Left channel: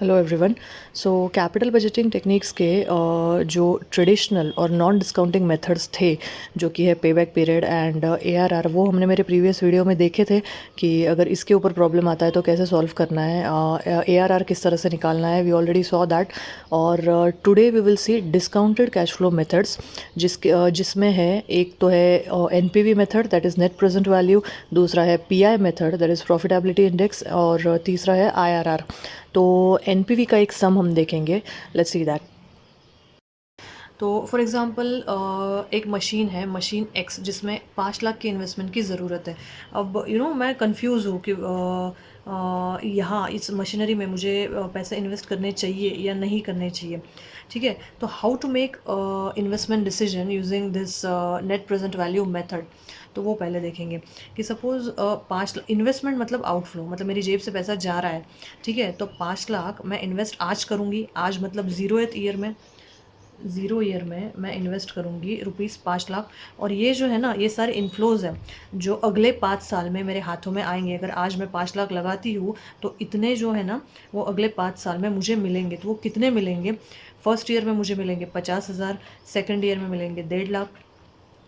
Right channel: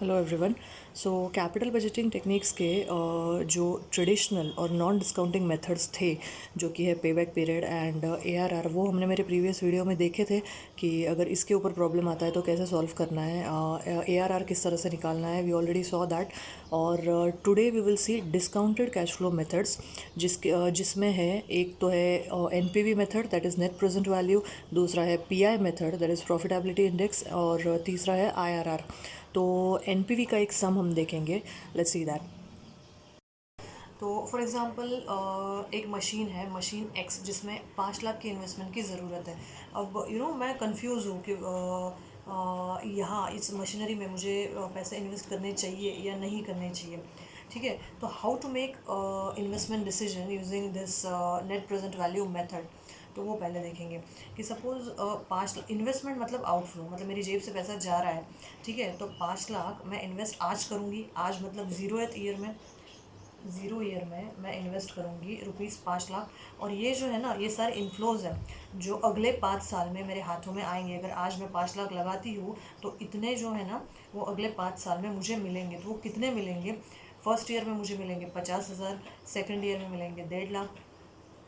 Hello everyone. So capital budgeting techniques के जो traditional और नॉन डिस्काउंटिंग मेथड्स थे, जो कि है पेबैक पीरियड एंड एआरआर, वो हमने मेरे प्रीवियस वीडियो में देखे थे कि अगर इसके ऊपर प्रॉब्लम आता है तो कैसे सॉल्व करना है, एआरआर किस तरह से निकालना है। We already saw that. और today we will see discounted cash flow methods, जिसमें है एक तो है NPV method, that is net present value. दूसरा है PI method, that is profitability index. और तीसरा है आईआरआर। तो एनपीवी का एक सम हम देखेंगे। Let's see that. तो फॉर एग्ज़ाम्पल एक मशीन है, मशीन एक्स, जिसमें 5 लाख की इन्वेस्टमेंट की ज़रूरत है। अब मैं कंफ्यूज हूँ कि यहाँ इस मशीनरी में मुझे पैसे इन्वेस्ट करने चाहिए या नहीं करने चाहिए। ठीक है, तो how to make investment decision using this net present value method. तो वो पहले देखेंगे कि सपोज़ 5 लाख इन्वेस्टमेंट मतलब आउटफ्लो, मतलब मेरी जेब से पैसा जा रहा है। ठीक है, तो 5 लाख मैं इन्वेस्ट आज करूँगी, आज मतलब ज़ीरो ईयर में मैं इन्वेस्ट करूँगी ₹5 लाख। और ये जो है ना, ये सारे इन्फ्लोज हैं जो अगले 5 साल में मेरे हाथों में आएंगे। अगर आज मैं 5 लाख लगाती हूँ तो इतने जो है ना, वो अगले 5 साल में मुझे मिलेंगे। तो वो कितने मिलेंगे? फर्स्ट ईयर में मुझे मिलेंगे 50,000, सेकेंड ईयर में मिलेंगे 1.5 लाख,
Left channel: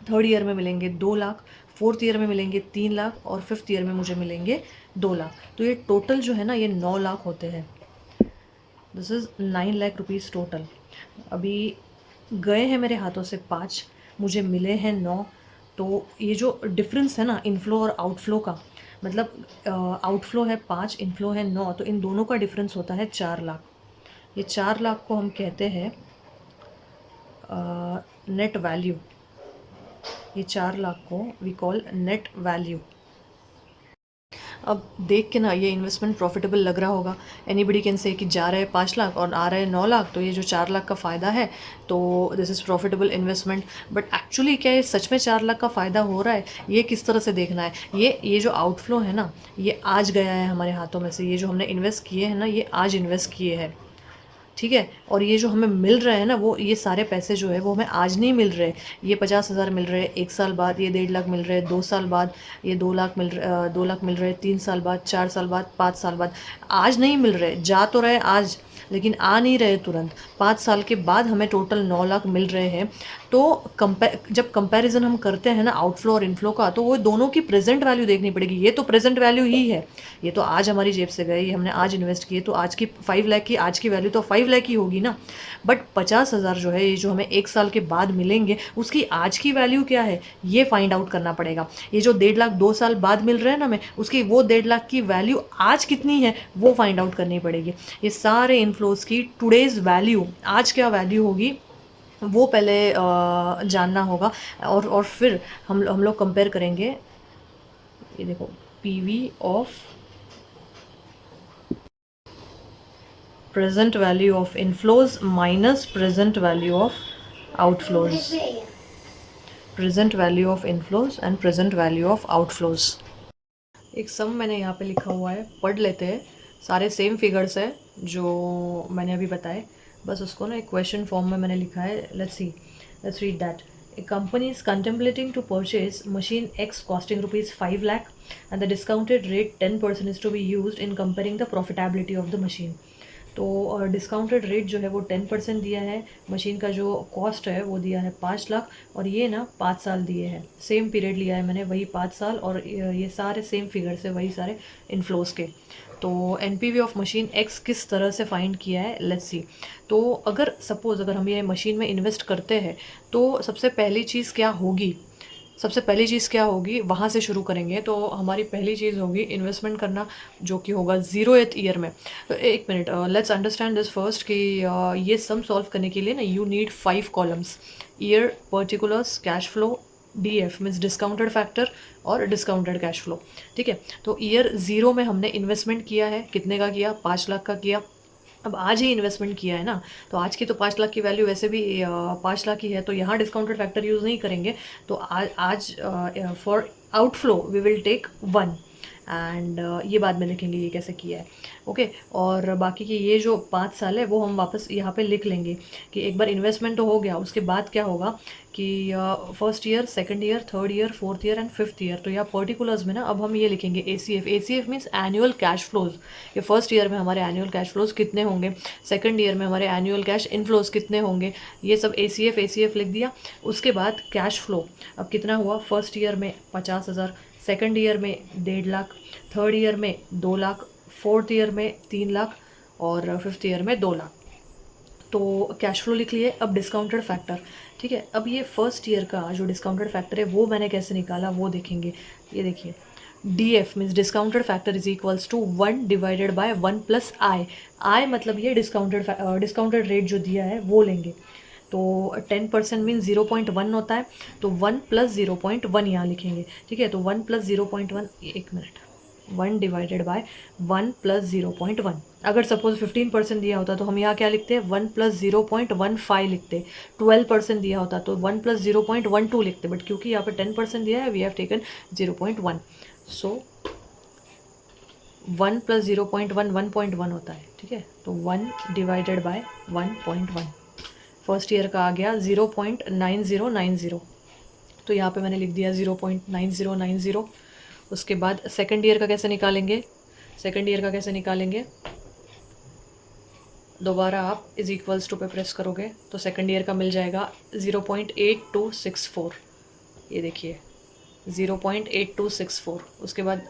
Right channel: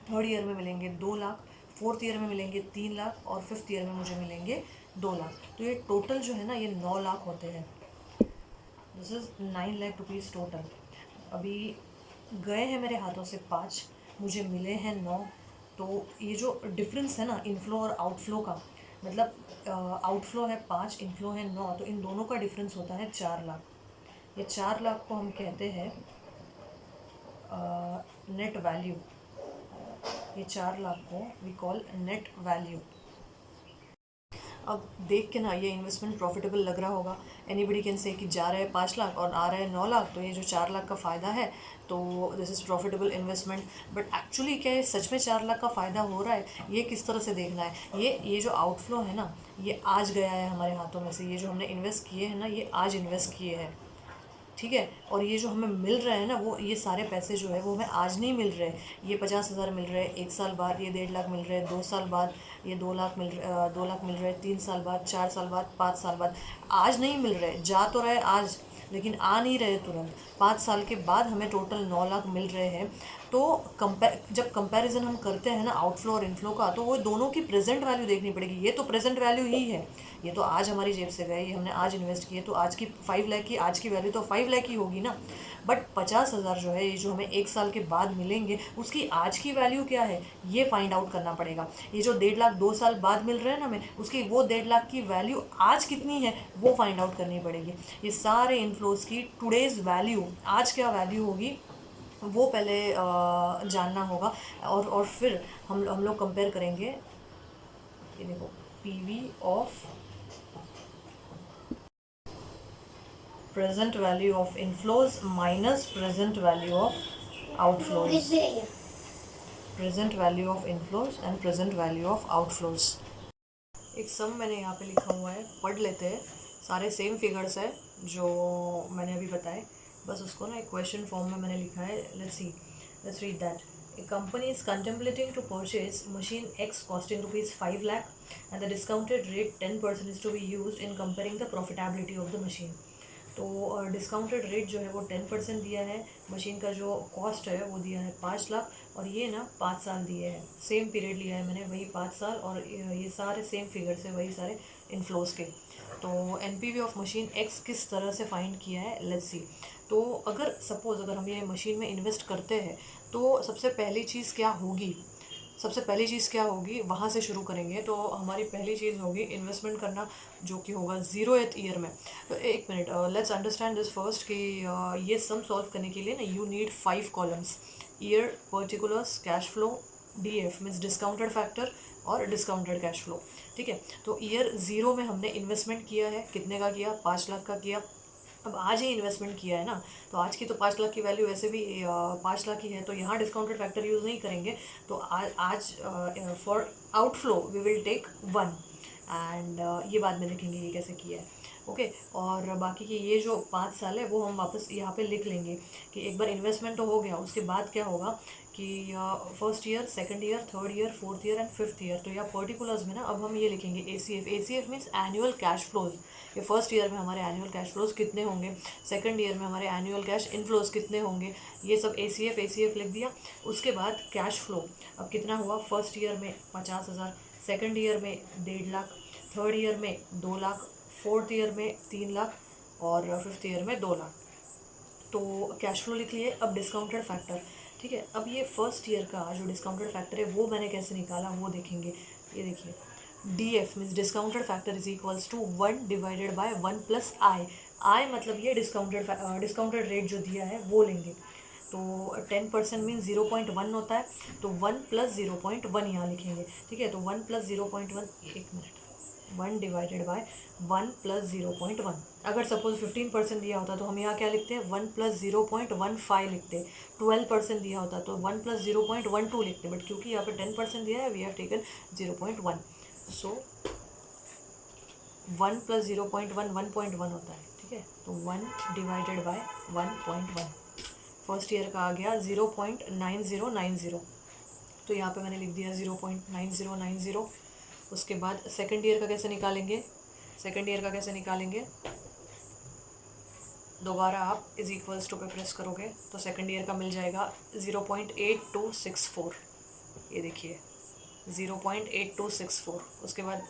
थर्ड ईयर में मिलेंगे 2 लाख, फोर्थ ईयर में मिलेंगे 3 लाख, और फिफ्थ ईयर में मुझे मिलेंगे 2 लाख। तो ये टोटल जो है ना, ये 9 लाख होते हैं। This is 9 lakh rupees total. अभी गए हैं मेरे हाथों से 5, मुझे मिले हैं 9। तो ये जो डिफरेंस है ना इनफ्लो और आउटफ्लो का, मतलब आउटफ्लो है 5, इनफ्लो है 9, तो इन दोनों का डिफरेंस होता है 4 लाख। ये 4 लाख को हम कहते हैं नेट वैल्यू। ये 4 लाख को वी कॉल नेट वैल्यू। अब देख के ना ये इन्वेस्टमेंट प्रॉफिटेबल लग रहा होगा। एनीबडी कैन से कि जा रहे हैं 5 लाख और आ रहे हैं 9 लाख, तो ये जो 4 लाख का फ़ायदा है, तो this is profitable investment. But actually क्या ये सच में 4 लाख का फ़ायदा हो रहा है? ये किस तरह से देखना है? ये जो आउटफ्लो है ना, ये आज गया है हमारे हाथों में से। ये जो हमने इन्वेस्ट किए हैं ना, ये आज इन्वेस्ट किए हैं। ठीक है, और ये जो हमें मिल रहे हैं ना, वो ये सारे पैसे जो है वो हमें आज नहीं मिल रहे। ये 50,000 मिल रहे हैं 1 साल बाद, ये 1.5 लाख मिल रहे हैं 2 साल बाद, ये 2 लाख मिल रहे हैं 3 साल बाद, 4 साल बाद, 5 साल बाद। आज नहीं मिल रहे, जा तो रहे आज, लेकिन आ नहीं रहे तुरंत। 5 साल के बाद हमें टोटल 9 लाख मिल रहे हैं। तो जब कंपैरिजन हम करते हैं ना आउटफ्लो और इनफ्लो का, तो वो दोनों की प्रेजेंट वैल्यू देखनी पड़ेगी। ये तो प्रेजेंट वैल्यू ही है, ये तो आज हमारी जेब से गए, ये हमने आज इन्वेस्ट किए, तो आज की 5 लाख की आज की वैल्यू तो 5 लाख ही होगी ना। बट 50,000 जो है, ये जो हमें 1 साल के बाद मिलेंगे, उसकी आज की वैल्यू क्या है, ये फाइंड आउट करना पड़ेगा। ये जो 1.5 लाख 2 साल बाद मिल रहे हैं ना हमें, उसकी वो 1.5 लाख की वैल्यू आज कितनी है, वो फाइंड आउट करनी पड़ेगी। ये सारे इनफ्लोज की टुडेज वैल्यू, आज क्या वैल्यू होगी, वो पहले जानना होगा। और फिर हम लोग कंपेयर करेंगे। ये देखो, PV of present value of inflows minus present value of outflows. Present value of inflows and present value of outflows. एक सम मैंने यहाँ पे लिखा हुआ है, पढ़ लेते हैं। सारे सेम फिगर्स है जो मैंने अभी बताए, बस उसको ना एक क्वेश्चन फॉर्म में मैंने लिखा है। Let's read that. A company is contemplating to purchase machine X costing rupees 5 lakh, and the discounted rate 10% is to be used in comparing the profitability of the machine. तो discounted rate जो है वो 10% दिया है। Machine का जो cost है वो दिया है 5 लाख, और ये ना 5 साल दिए हैं। सेम पीरियड लिया है मैंने, वही 5 साल, और ये सारे सेम फिगर्स है, वही सारे इनफ्लोज के। तो एनपीवी ऑफ मशीन एक्स किस तरह से फाइंड किया है, लेट्स सी। तो अगर सपोज़ अगर हम ये मशीन में इन्वेस्ट करते हैं, तो सबसे पहली चीज़ क्या होगी, वहाँ से शुरू करेंगे। तो हमारी पहली चीज़ होगी इन्वेस्टमेंट करना, जो कि होगा 0th ईयर में। तो एक minute, let's understand this first कि ये सम सॉल्व करने के लिए ना you need 5 columns: year, particulars, cash flow, DF means discounted factor, और डिस्काउंटेड कैश फ्लो। ठीक है, तो ईयर 0 में हमने इन्वेस्टमेंट किया है, कितने का किया, 5 लाख का किया। अब आज ही इन्वेस्टमेंट किया है ना, तो आज की तो 5 लाख की वैल्यू वैसे भी 5 लाख ही है, तो यहाँ डिस्काउंटेड फैक्टर यूज़ नहीं करेंगे। तो आज for outflow we will take 1, and ये बाद में देखेंगे ये कैसे किया है। ओके, और बाकी की ये जो 5 साल है वो हम वापस यहाँ पे लिख लेंगे कि एक बार इन्वेस्टमेंट तो हो गया, उसके बाद क्या होगा कि first year, second year, third year, fourth year and fifth year. तो यहाँ पर्टिकुलर्स में ना अब हम ये लिखेंगे ACF। ACF means annual cash flows. ये फर्स्ट ईयर में हमारे एनुअल कैश फ्लोज कितने होंगे, सेकंड ईयर में हमारे एनुअल कैश इनफ्लोज कितने होंगे, ये सब ACF लिख दिया। उसके बाद कैश फ्लो अब कितना हुआ, फर्स्ट ईयर में 50,000, सेकंड ईयर में 1.5 लाख, थर्ड ईयर में 2 लाख, फोर्थ ईयर में 3 लाख और फिफ्थ ईयर में 2 लाख। तो कैश फ्लो लिख लिए। अब डिस्काउंटेड फैक्टर, ठीक है। अब ये फर्स्ट ईयर का जो डिस्काउंटेड फैक्टर है वो मैंने कैसे निकाला वो देखेंगे। ये देखिए, DF means discounted factor is equals to 1 divided by 1 plus I. I मतलब ये डिस्काउंटेड रेट जो दिया है वो लेंगे। तो 10% मीन 0.1 होता है, तो 1 प्लस 0.1 यहाँ लिखेंगे, ठीक है। तो 1 प्लस 0.1, एक मिनट, 1 डिवाइडेड बाय 1 प्लस 0.1। अगर सपोज 15% दिया होता तो हम यहाँ क्या लिखते हैं, 1 प्लस 0.15 लिखते। 12% दिया होता तो 1 प्लस 0.12 लिखते, बट क्योंकि यहाँ पे 10% दिया है we have taken 0.1। So 1 plus 0.1 1.1 होता है, ठीक है। तो 1 डिवाइडेड बाय 1.1। फर्स्ट ईयर का आ गया 0.9090, तो यहाँ पे मैंने लिख दिया 0.9090। उसके बाद सेकंड ईयर का कैसे निकालेंगे, सेकंड ईयर का कैसे निकालेंगे, दोबारा आप इज इक्वल्स टू पे प्रेस करोगे तो सेकंड ईयर का मिल जाएगा 0.8264। ये देखिए 0.8264। उसके बाद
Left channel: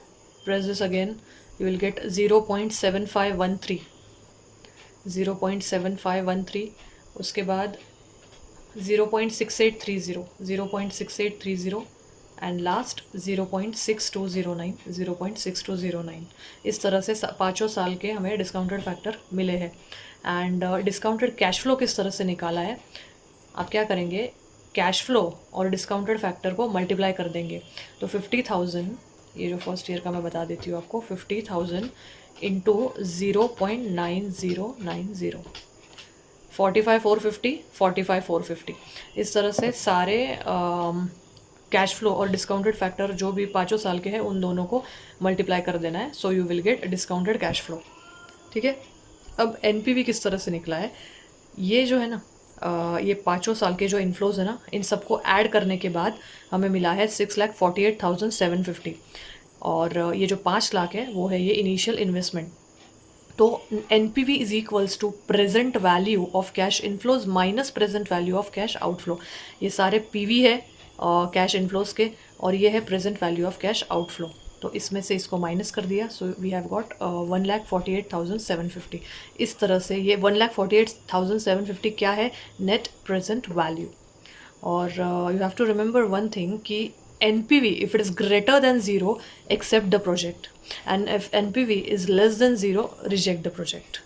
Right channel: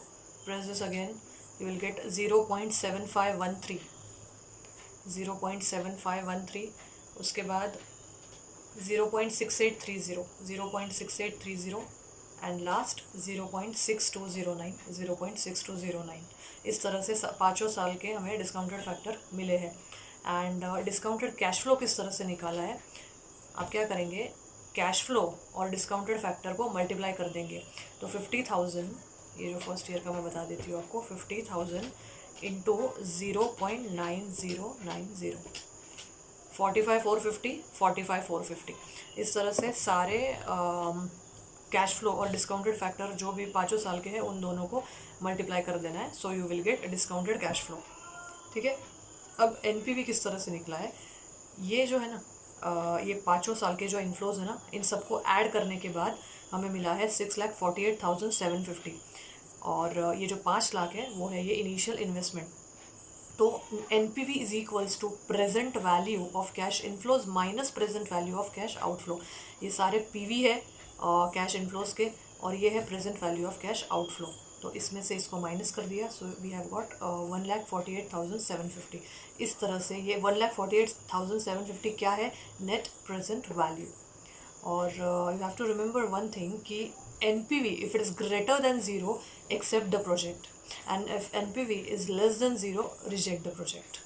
press this again, you will get 0.7513, 0.7513। उसके बाद 0.6830, 0.6830 एंड लास्ट 0.6209, 0.6209। इस तरह से 5 साल के हमें डिस्काउंटेड फैक्टर मिले हैं। एंड डिस्काउंटेड कैश फ्लो किस तरह से निकाला है, आप क्या करेंगे, कैश फ्लो और डिस्काउंटेड फैक्टर को मल्टीप्लाई कर देंगे। तो 50,000, ये जो फर्स्ट ईयर का मैं बता देती हूँ आपको, 50,000 इंटू 0.9090, 45,450, 45,450। इस तरह से सारे कैश फ्लो और डिस्काउंटेड फैक्टर जो भी 5 साल के हैं उन दोनों को मल्टीप्लाई कर देना है। So you will get discounted cash flow, ठीक है। अब NPV किस तरह से निकला है, ये जो है ना ये 5 साल के जो इनफ्लोज है ना, इन सबको ऐड करने के बाद हमें मिला है 6,48,750। और ये जो 5 लाख है वो है ये इनिशियल इन्वेस्टमेंट। तो NPV is equals to present value of cash inflows minus present value of cash outflow. ये सारे PV है कैश इनफ्लोज के, और ये है present value of cash outflow. तो इसमें से इसको माइनस कर दिया, सो वी हैव गॉट 1,48,750। इस तरह से ये 1,48,750 क्या है, नेट प्रेजेंट वैल्यू। और you have to remember one thing कि NPV, if it is greater than 0, accept the project, and if NPV is less than 0, reject the project.